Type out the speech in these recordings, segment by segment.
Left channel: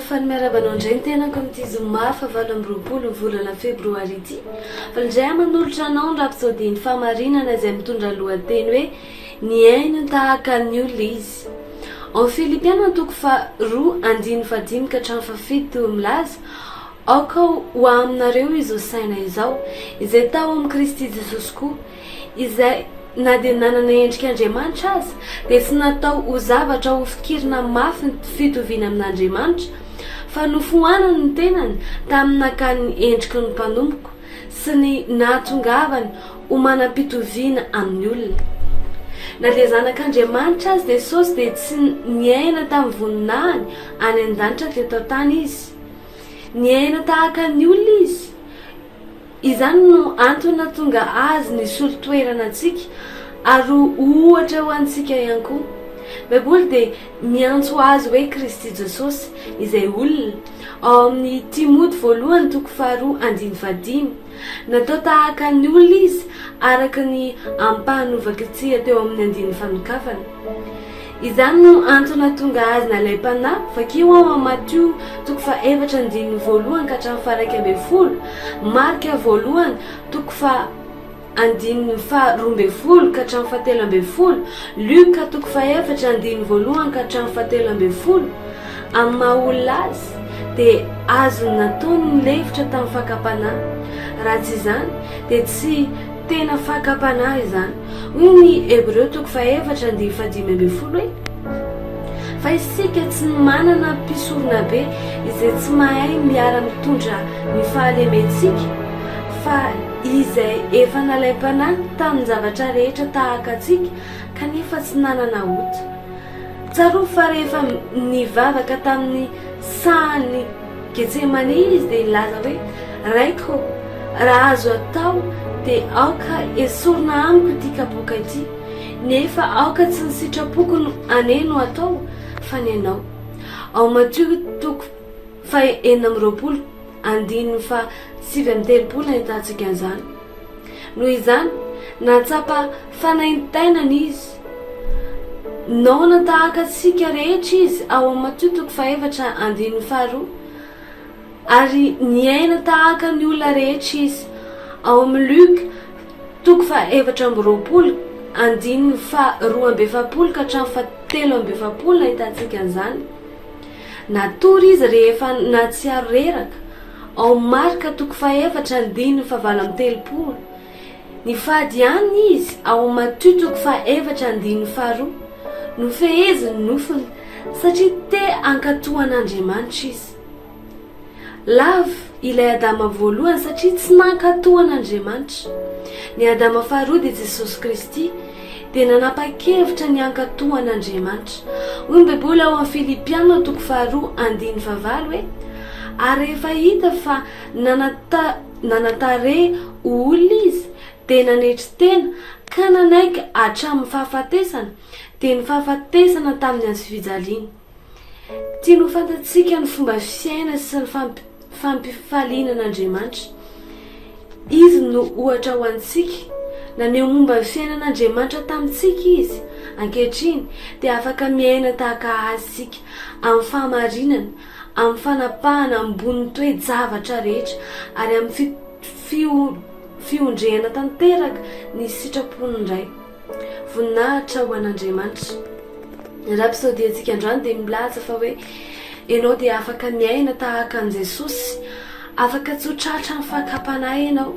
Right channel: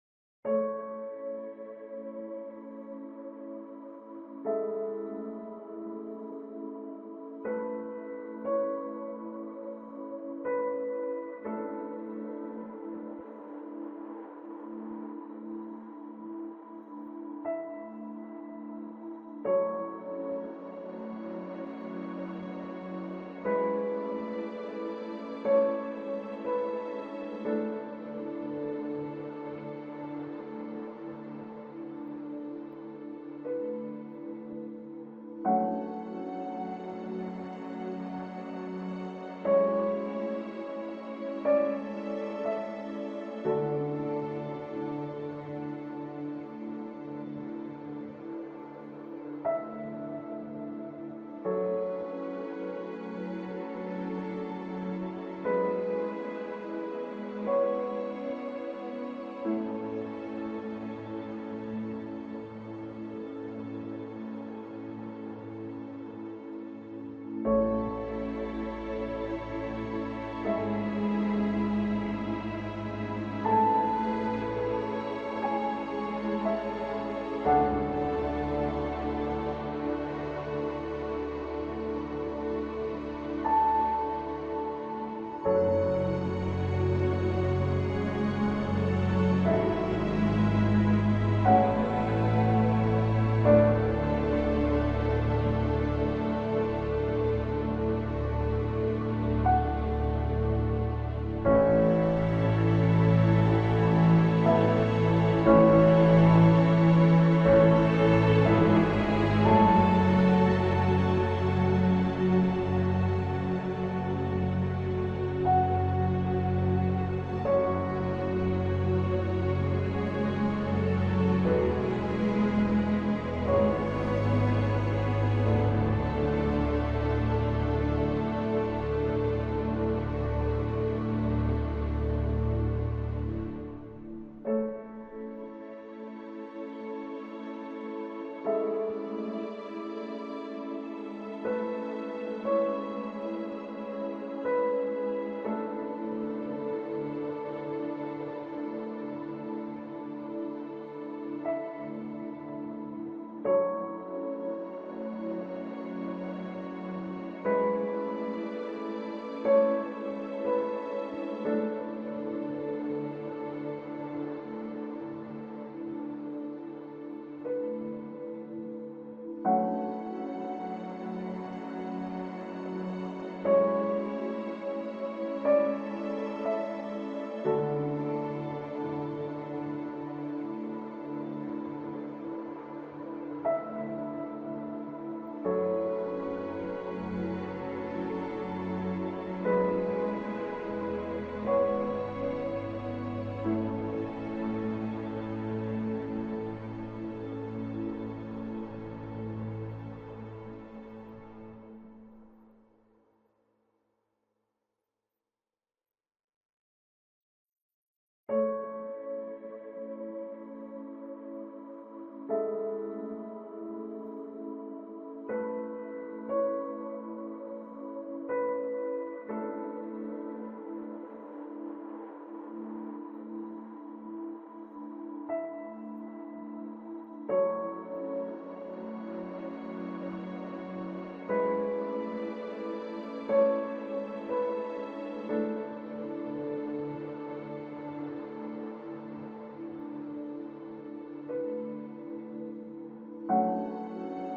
Rehefa miarabanao indray ny tenako amin'ity zoma fa 8 volana febroary ity. Fa indray manolotra anao ny rapsodiny famarinana izay mitondra lohateny hoe Niana Tahaka Izy. Ao Filipiana toko 2:5 ka hatramin'ny 7 milaza. Aoka ho aminareo izy saina izao izay tao amin'ny Kristy Jesosy koa izay na dia nanana endrika Andriamanitra aza dia tsy natao ho zavatra ho fikirina mafy ny fitoviana amin'Andriamanitra fa nofohanany ny tenany tamin'ny nakany endriky ny mpanompoka sy ny nahatongavany ho manam-pitoviana amin'ny olona. Na dia zanak'Andriamanitra azy Jesosy dia tsy niaina tamin'ny voninahiny any an-danitra teto tany izy. Niaina tahaka ny olona izy. Izany no antony tonga azy nisolo toerana antsika ary ohatra ho antsika ihany koa. Baiboly dia miantso azy hoe Kristy Jesosy izay olona. Ao amin'ny Timoty 1:2-5 natao tahaka ny olona izy araka ny ampahanovakitsika teo amin'ny andiny fanokafana. Izany no antony tonga azy nalaim-panahy vakio ao amin'ny Mateo 4:1 ka hatramin'ny 12, Marka 1:12 ka hatramin'ny 13, Luka 4:1 ka hatramin'ny 17. Amin'ny maha-olona azy dia azo nataony ny lefitra tamin'ny fakapanahy. Raha tsy izany dia tsy tena fakapanahy izany. Hoy ny Hebreo 4:15 hoe fa isika tsy manana mpisorona be izay tsy mahay miara-mitondra ny fahalementsika fa izay efa nalaim-panahy tamin'ny zavatra rehetra tahaka antsika kanefa tsy nanana ota. Tsaro fa rehefa nivavaka tamin'ny sahany Getsemane izy dia nilaza hoe raiko raha azo atao dia aoka esorina amiko ity kapoaka ity nefa aoka tsy ny sitrapoko aneno atao fa ny anao. Ao Mateo 4:7 ahitantsika an'izany. Noho izany natsapa fanaintainana izy. Naona tahaka antsika rehetra izy ao Mateo 4:2 ary niaina tahaka ny olona rehetra izy. Ao amin'ny Luka 4:2-2 ka hatramin'ny 7 ahitantsika an'izany. Natory izy rehefa natsiaro reraka. Ao Marka 4:1-13 nifady ihany izy. Ao Mateo 4:1-2 nofeheziny nofony satria te ankatohan'Andriamanitra izy. Lavo ilay Adama voalohany satria tsy nankatohan'Andriamanitra. Ny Adama faharoa dia Jesosy Kristy dia nanapa-kevitra ny ankatohan'Andriamanitra. Hoy ny Baiboly ao amin'ny Filipiana 2:2-5 hoe ary rehefa hita fa nanatare olona izy dia nanetry tena ka nanaiky hatramin'ny fahafatesana dia ny fahafatesana tamin'ny azy fijaliana. Tiany ho fantatsika ny fomba fiaina sy ny fampifaliana n'Andriamanitra. Izy no ohatra ho antsika. Naneho momba ny fiainan'Andriamanitra tamintsika izy. Ankehitriny dia afaka miaina tahaka azy sika amin'ny fahamarinana, amin'ny fanapahana ambony toe-javatra rehetra ary amin'ny fiondrehana tanteraka ny sitrapony indray. Voninahitra ho an'Andriamanitra. Rapsody antsika androany dia milaza fa hoe ianao dia afaka miaina tahaka an' Jesosy, afaka tsotratra ny fakapanahy ianao.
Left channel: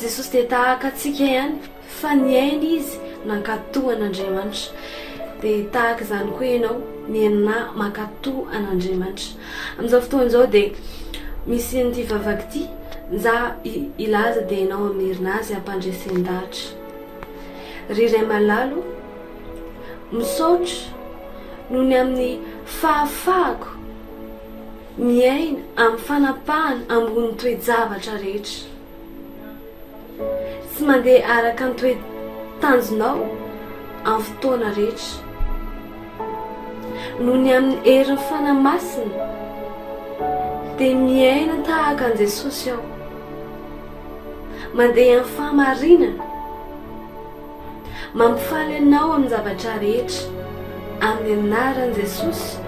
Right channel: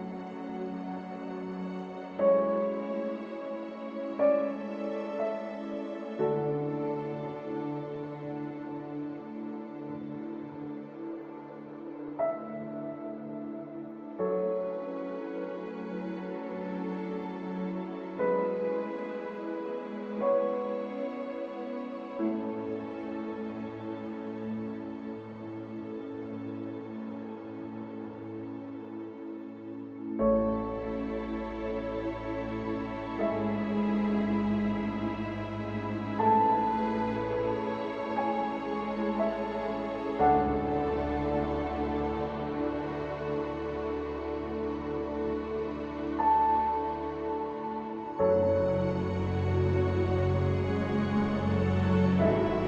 Jesosy dia tahaka antsika ihany fa niaina izy nankatohan'Andriamanitra. Dia tahaka izany koa ianao niaina mankatoha an'Andriamanitra. Amin'izao fotoana izao dia misy an'ity vavaka ity za ilaza dia ianao amirina azy ampandresen-dahatra. Riray malalo misaotra noho ny amin'ny fahafahako miaina amin'ny fanapahana ambony toe-javatra rehetra. Tsy mandeha araka ny toe-tanjonao amin'ny fotoana rehetra. Noho ny amin'ny herin'ny fanamasina dia miaina tahaka an' Jesosy aho. Mandeha amin'ny fahamarinana, mampifaly anao amin'ny zavatra rehetra amin'ny anaran'i Jesosy